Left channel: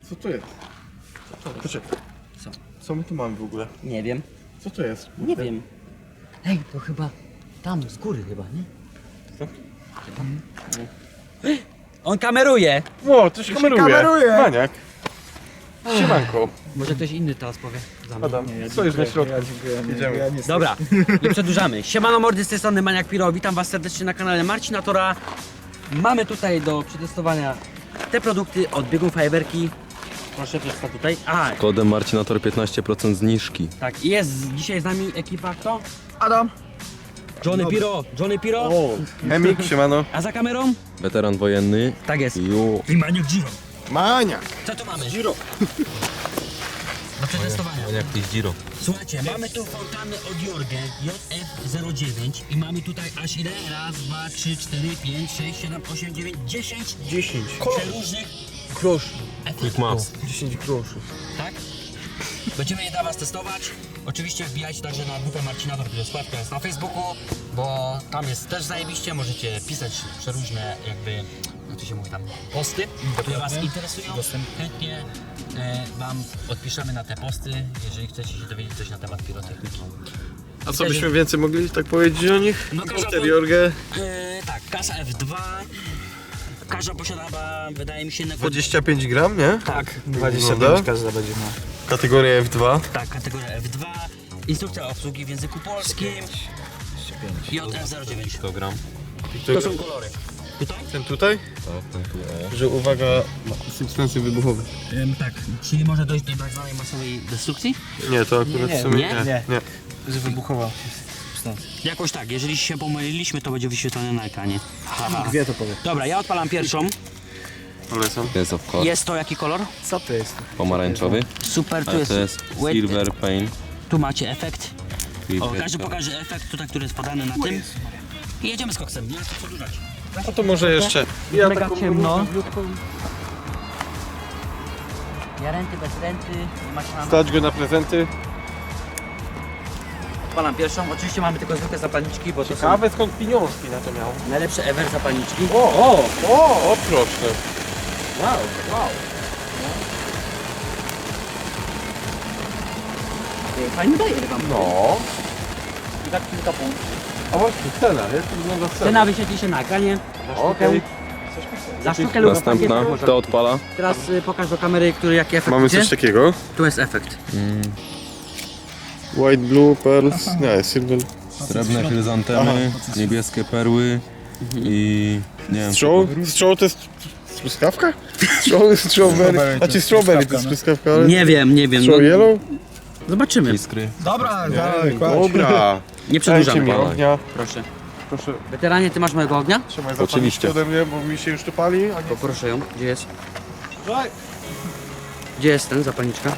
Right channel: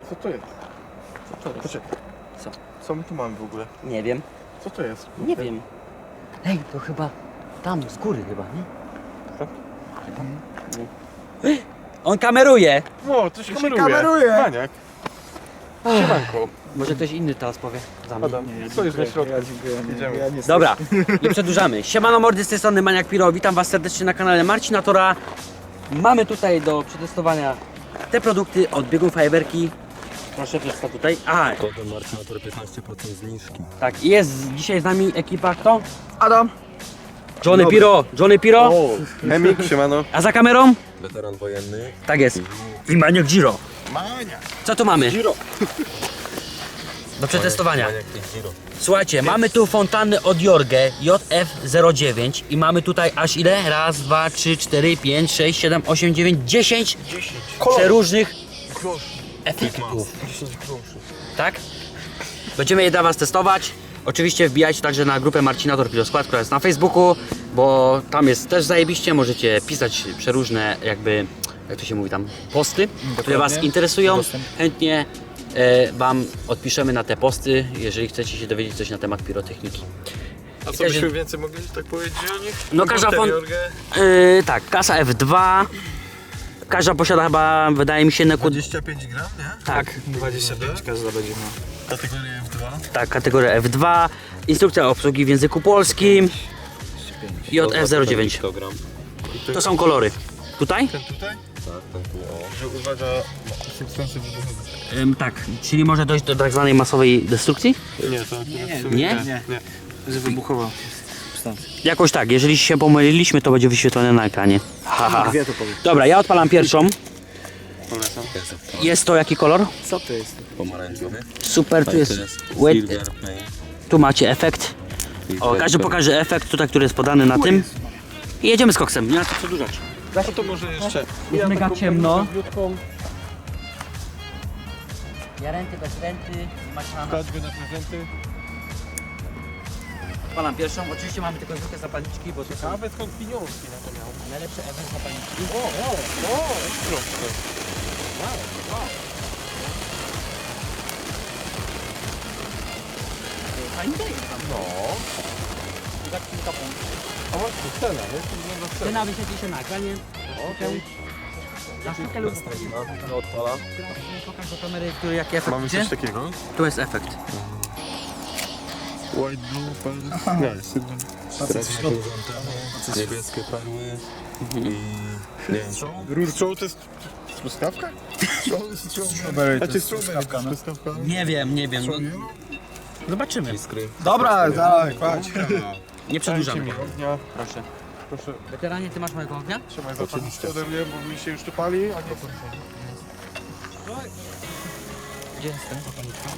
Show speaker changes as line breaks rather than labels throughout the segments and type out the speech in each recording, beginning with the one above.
Co to jest?
Co to jest?
Poczekaj.
Co?
Co my tu mamy w ogóle?
Nie wiem.
Co to jest?
Nie wiem. Ej, to chyba tam, z góry chyba, nie?
Co?
On kameruje!
O, to się kameruje. Maniak. Siemanko.
Może ktoś inny teraz powie za mnie.
Adam, stoisz na środku. Idziemy.
Dobra, nie przedłużamy. Siemano mordy, z tej strony Maniak Piro. Witam was serdecznie na kanale Marcina Tora. Mamy tutaj do przetestowania te produkty od Biegun Fajerwerki. Proszę, przedstaw tutaj. A,
Kodem Marcinator 15% zniżki.
tak, jest dzisiaj z nami ekipa kto?
Adam.
Johnny Piro.
O, Chemik, siemano.
A za kamerą?
Weteran wojenny.
Tak jest.
Ju.
I Maniak Giro.
Maniak.
Co tu mamy?
Giro.
Do przetestowania.
Maniak to jest Giro.
Słuchajcie, mamy tu fontanny od Jorge JF09 i mamy tutaj aż ile? Raz, dwa, trzy, cztery, pięć, sześć, siedem, osiem, dziewięć, 10
10.
przeróżnych
Groszy.
efektów.
10 groszy.
Tak? Będziemy je dla was testować. Oczywiście wbijajcie także na grupę Marcinator Piloskład, która jest na Facebooku, bo tam jest też zajebiście, możecie pisać przeróżne jakby, jak to się mówi tam, posty, które was interesują. Chętnie wam odpiszemy na te posty, jeżeli chcecie się dowiedzieć coś na temat pirotechniki.
A
I
co
też-
byśmy więcej mogli tak powiedzieć o nich?
No, każda
Poster Jorge.
Tak, kasa F2. Każda posiada chyba, wydaje mi się,
25 gram, nie?
tak,
25 każda będzie miała. Kategoria F2.
tak, kategoria F2. Instrukcja obsługi w języku polskim. JF09.
Kilogram.
To są kolory. Tutaj?
Ten tutaj?
Tak, ten tu o.
Że uwaga, substancje wybuchowe.
Tak, czyli może dojść do tak zwanej masowej destrukcji?
Nie, to akurat w sumie
Nie?
nie.
Że wybuchowa substancja.
Jakoś tak, jeżeli się pomyliliśmy, to będzie wyświetlone na ekranie. Haha.
Dwie to powiem.
Dobra, ja odpalam pierwszą.
Polecam.
Jest of course.
Jest to jaki kolor?
Co to jest?
Pomarańczowy.
Super, tu
Ale
jest
to jest
wet,
Silver Paint.
tu macie efekt. O,
Silver
każdy
Paint.
pokaże efekt tutaj, który jest podany na tym. I jedziemy z koksem, nie ma co przedłużać.
No to może jeszcze.
Jest mega
taką
ciemno.
malutką
Ja renty, bez renty, nie ma szans.
Stać go na prezenty.
Odpalam pierwszą, oczywiście mamy tylko zwykłe zapalniczki, bo to są
Ciekawe skąd pieniążki na to miał.
najlepsze ever zapalniczki.
O, proszę.
Wow. Fajny daje wam.
No.
I tak kilka punktów.
A właśnie, cena, jak to wygląda cena?
Cena wyświetli się na ekranie.
Okej.
Za sztukę lub
Następna.
pakiet.
To odpala.
Teraz pokaż do kamery, który jaki efekt
Mamy
idzie.
coś takiego.
Tu jest efekt.
White, blue, pearls. Nie, silver.
Srebrne chryzantemy, niebieskie perły i nie wiem.
Stroll to jest truskawka? Strawberry. A czy strawberry to jest truskawka? Ale...
Nie wiem.
Stroll yellow?
Zobaczymy.
Iskry.
Dobra, dawaj,
Dobra.
Nie
Dajcie
przedłużamy.
mi ognia.
Proszę.
Proszę,
Weteranie, ty masz mojego ognia?
trzymaj
Oczywiście.
zapalniczkę ode mnie, bo mi się już tu pali. A nie...
Poproszę ją. Gdzie jest? Gdzie jest ten zapalniczka?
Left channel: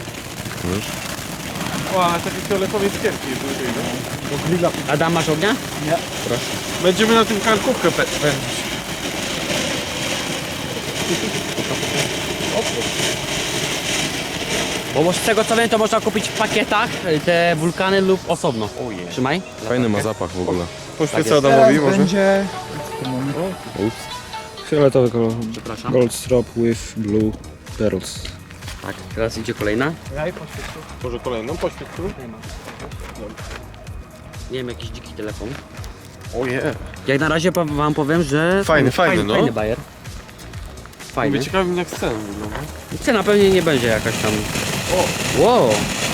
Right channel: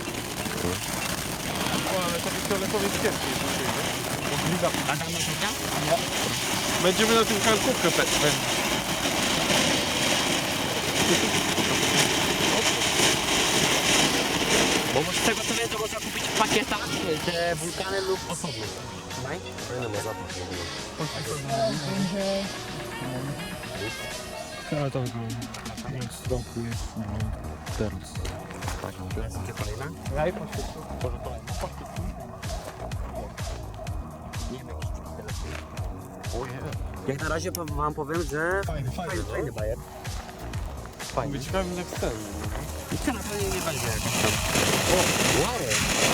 O, ale taki fioletowy jest ciężki. Bo grilla.
Adam, masz ognia?
Będziemy na tym karkówkę pędzić.
Bo z tego co wiem, to można kupić w pakietach te wulkany lub osobno. Trzymaj.
Fajny ma zapach w ogóle.
Poświecę Adamowi może.
Będzie fioletowy kolor.
Przepraszam.
Gold strop with blue pearls.
Tak, teraz idzie kolejna.
Może kolejną poświec tu.
Nie wiem, jakiś dziki telefon.
Ojej.
Jak na razie wam powiem, że...
Fajny, no.
Fajny bajer. Fajny.
Mówię, ciekawy jak scena wygląda.
Cena pewnie nie będzie jakaś tam... O! Wow!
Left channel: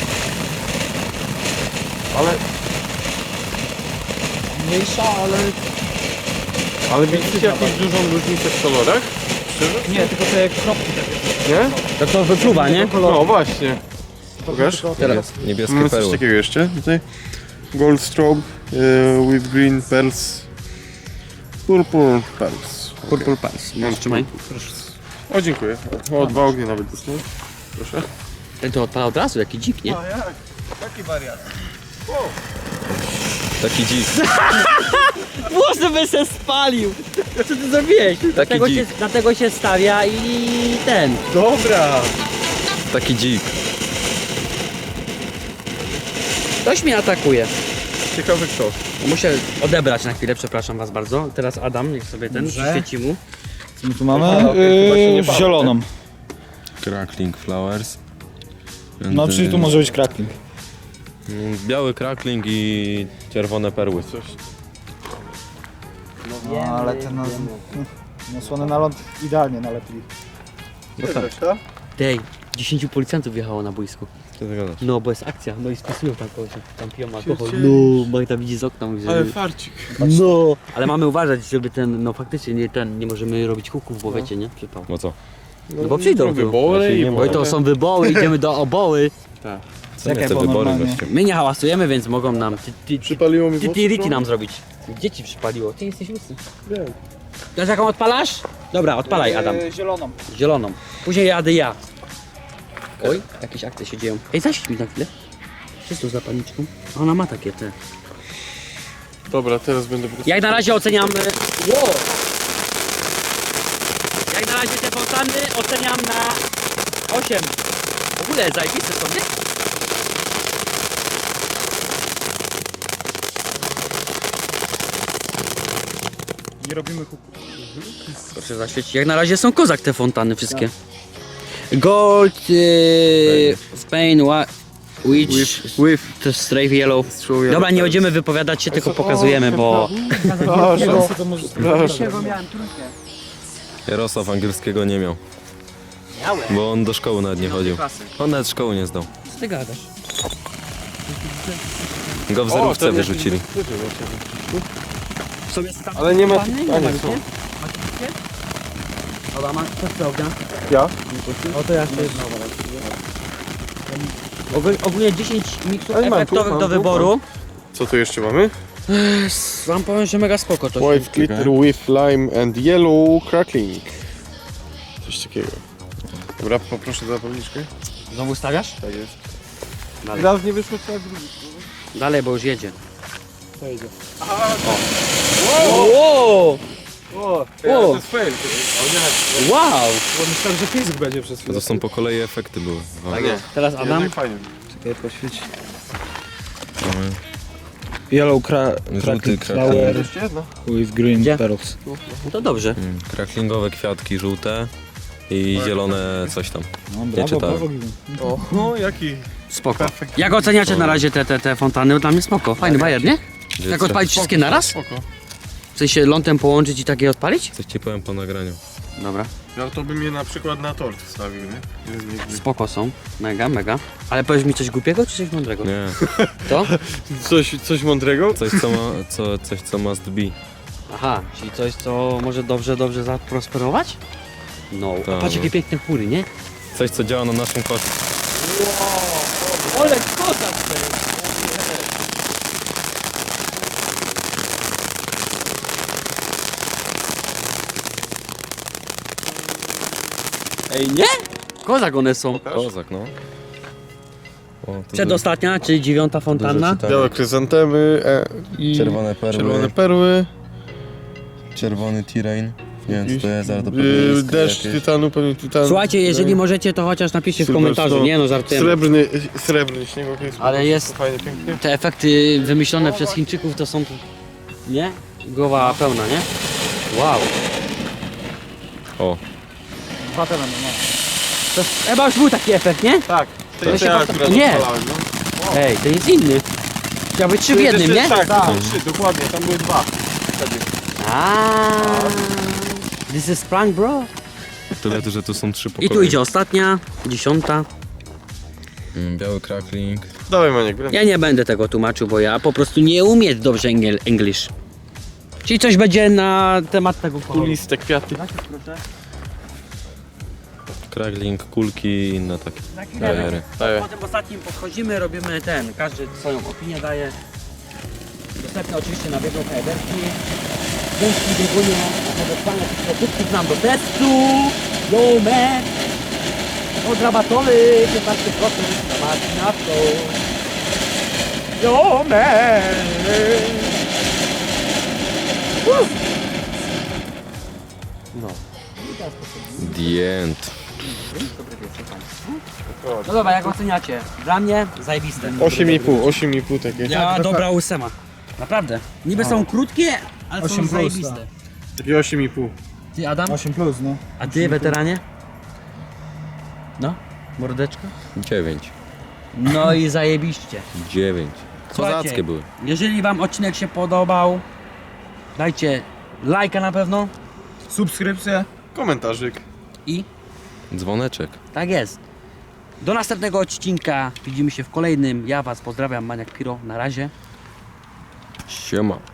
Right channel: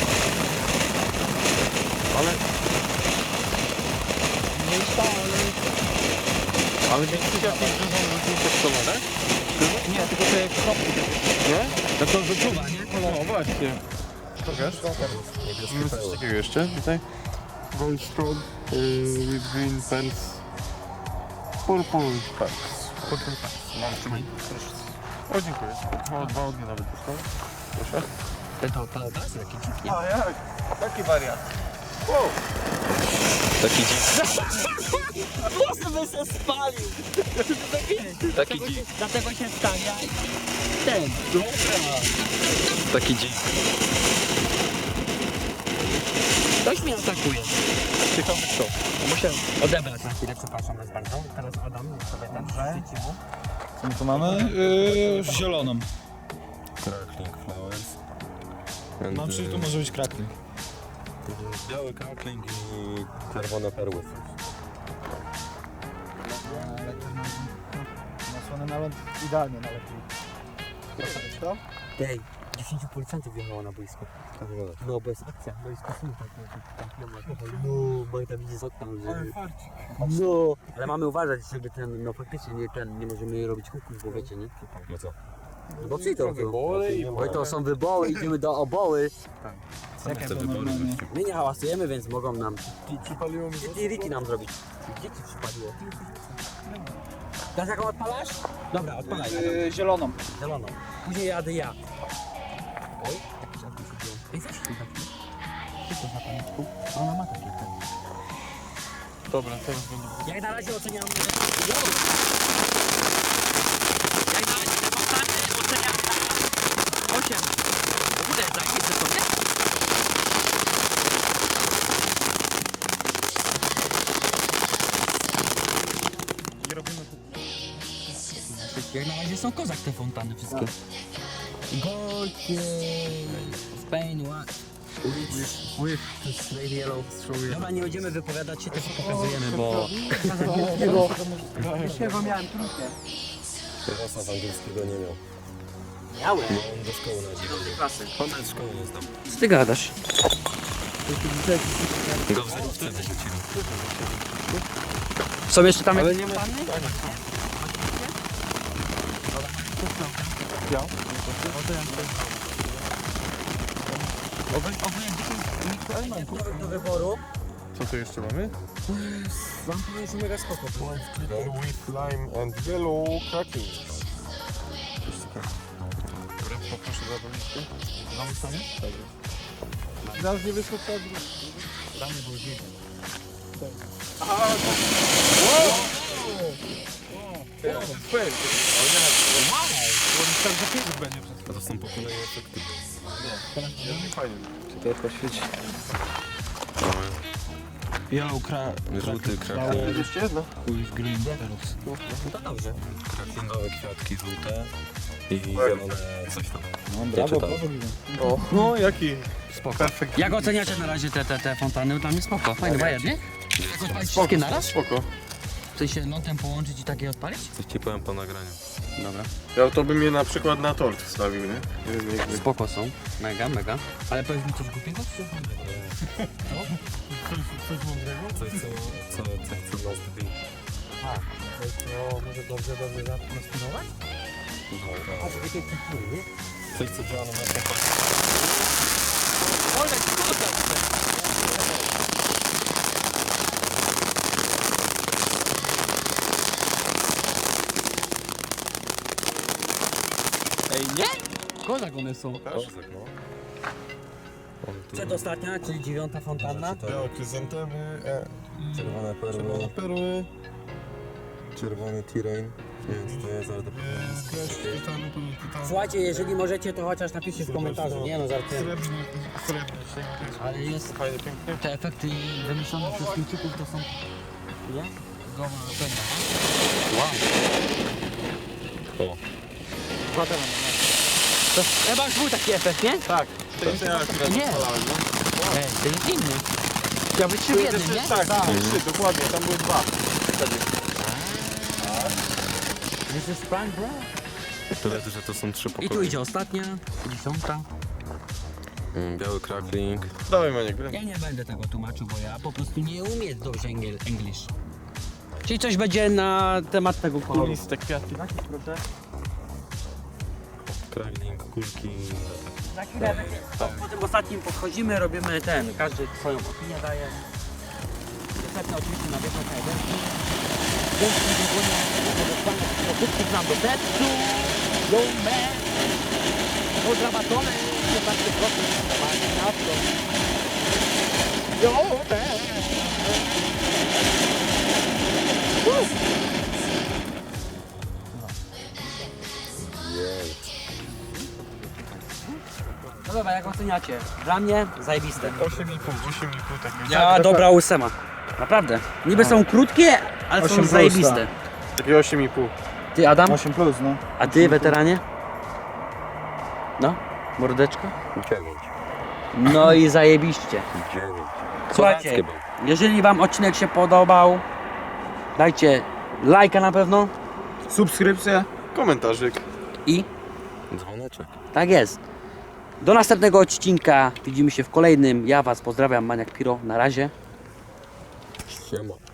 Ale,
Mniejsza, ale...
ale widzicie jakąś dużą różnicę w kolorach?
Nie, tylko te kropki takie.
Nie?
To wyczuwa, nie?
No właśnie. Pokaż.
Teraz niebieskie
Mamy coś
perły.
takiego jeszcze tutaj. Gold strobe with green pearls. Purple pearls.
Purple Pants. No, trzymaj.
Proszę. O, dziękuję. O, 2 ognie nawet dostałem. Proszę.
Ten to odpala od razu, jaki dzik, nie?
jak? Taki wariat.
Taki dzik.
Może by się spalił! Co ty zrobiłeś? Dlatego się stawia i ten.
Dobra.
Taki dzik.
Ktoś mnie atakuje.
Ciekawy kto.
Muszę odebrać na chwilę, przepraszam was bardzo. Teraz Adam, niech sobie ten
Dobrze.
przyświeci mu.
Co my tu mamy? Zieloną.
Crackling Flowers. And,
No, czyli tu może być crackling.
Biały crackling i czerwone perły.
No, ale ten nasłony nalot idealnie nalepili.
Tej, 10 policjantów wjechało na boisko.
Co ty gadasz?
No, bo jest akcja, no i spasują tam piją alkohol. No, Magda widzi z okna, mówi, że...
Ale farcik.
No, ale mamy uważać, żeby ten, no faktycznie nie możemy robić huków, bo wiecie, nie? Przypał.
No co?
No bo przyjdą tu.
Wybory i
Bo i to są wyboły, idziemy do oboły.
Co nie
Czekaj,
te
bo
wybory
normalnie-
gościu?
My nie hałasujemy, więc mogą nam
Przypaliło mi
tiriki nam zrobić. Dzieci przypaliło. Ty jesteś łysy. Dasz jaką odpalasz? Dobra, odpalaj Adam.
Zieloną.
Zieloną. Później jadę ja. Oj, jakieś akty się dzieją. Ej, zasiedź mi na chwilę. Co to za paniczką? Ona ma takie te.
Dobra, teraz będę...
Jak na razie oceniam... Wow. Jak na razie te fontanny oceniam na 8. W ogóle zajebiste są, nie?
Nie robimy huku.
Proszę zaświecić. Jak na razie są kozak te fontanny wszystkie. Gold, Spain, Witch,
With.
to Strafe Yellow.
Strafe Yellow.
Dobra, nie będziemy wypowiadać się, tylko pokazujemy, bo... Dlaczego miałem trójkę?
Jarosław angielskiego nie miał,
Miałem.
bo on do szkoły nawet nie chodził.
klasy.
On nawet szkoły nie zdał.
Co ty gadasz?
Go w zerówce wyrzucili.
Są jeszcze tam
Ale nie ma-
fontanny?
a, nie
ma
są.
gdzie? Dobra, ma kto sprawdza?
Ja?
O to ja też. Ogólnie 10 miksów
Ale mam tu,
efektowych
mam
do
tu,
wyboru.
Co tu jeszcze mamy?
Wam powiem, że mega spoko to
White glitter with lime and yellow crackling. Coś takiego. Dobra, poproszę zapalniczkę.
Znowu stawiasz?
Tak jest.
Dalej.
Raz nie wyszło, tak drugi.
Dalej, bo już jedzie.
To idzie.
Wow!
O, to jest fail.
Wow!
Myślałem, że fizyk będzie przez chwilę.
To są po kolei efekty były.
Tak jest.
Teraz Adam.
Jednak fajnie.
Czekaj, poświeć.
Mamy
Yellow
żółty
crackling
crackling.
flower
Jeszcze jedno.
with green
Gdzie?
petals.
No to dobrze.
Cracklingowe kwiatki żółte i zielone coś tam.
No,
Nie
brawo,
czytałem.
brawo, Given.
O, jaki
Spoko.
perfekt.
Jak oceniacie na razie te fontanny? Dla mnie spoko. Fajny bajer, nie?
Gdzie
Jak
co?
odpalić wszystkie naraz?
Spoko.
W sensie lądem połączyć i takie odpalić?
Coś ci powiem po nagraniu.
Dobra.
Ja to bym je na przykład na tort wstawił, nie? Jeden jakby.
Spoko są. Mega, mega. Ale powiesz mi coś głupiego czy coś mądrego?
Nie,
To?
Coś mądrego?
coś co must be.
Aha, czyli coś, co może dobrze zaprosperować? No.
Tak.
Patrz jakie piękne chmury, nie?
Coś co działa na naszą korzyść.
Ole, kozak! Ej, nie? Kozak one są.
Kozak, no. O, tu
Przedostatnia, czyli 9. fontanna.
czytałem.
Białe kryzantemy i
Czerwone perły.
czerwone perły.
Czerwony T-Rain. Nie wiem co to jest, ale to pewnie
Yy,
jest
deszcz
jakieś-
tytanu, pewnie tytan.
Słuchajcie, jeżeli możecie, to chociaż napiszcie w komentarzu. Nie no, żartujemy.
Srebrny śnieg, okej, spoko,
Ale jest-
fajnie, pięknie.
Te efekty wymyślone przez Chińczyków to są... Nie? Głowa pełna, nie? Wow.
O,
Dwa tereny, no.
To chyba już był taki efekt, nie?
Tak,
To się
ja
potem-
akurat
nie.
odpalałem, no.
Ej, to jest inny. Chciał być 3 w jednym, nie?
Tak, tak, 3, dokładnie, tam były 2. Wtedy.
This is prank, bro.
tyle, że tu są 3
I
pokoje.
tu idzie ostatnia, 10.
Biały crackling.
Dawaj Maniek, grę.
Ja nie będę tego tłumaczył, bo ja po prostu nie umiem dobrze English. Czyli coś będzie na temat tego koloru.
Kuliste kwiaty.
Crackling, kulki i inne takie bajery.
Po tym ostatnim podchodzimy, robimy każdy swoją opinię daje. Dostępne oczywiście na biegu Eberki. Dzięki biegunie podesłane produktów nam do testu. Yo man! Od rabatowy 15% na marginatą. Yo man! No.
The end.
No dobra, jak oceniacie? Dla mnie zajebiste.
8,5 takie.
Ja dobra 8. Naprawdę. Niby są krótkie, ale
8
są
plus,
zajebiste.
Takie 8,5.
Ty Adam?
8 plus, no.
A ty weteranie? No, mordeczko.
9.
No i zajebiście.
9.
Słuchajcie,
Kozackie były.
jeżeli wam odcinek się podobał, dajcie lajka na pewno
Subskrypcję.
Komentarzyk.
i
Dzwoneczek.
tak jest. Do następnego odcinka. Widzimy się w kolejnym. Ja was pozdrawiam, Maniak Piro. Na razie.
Siema.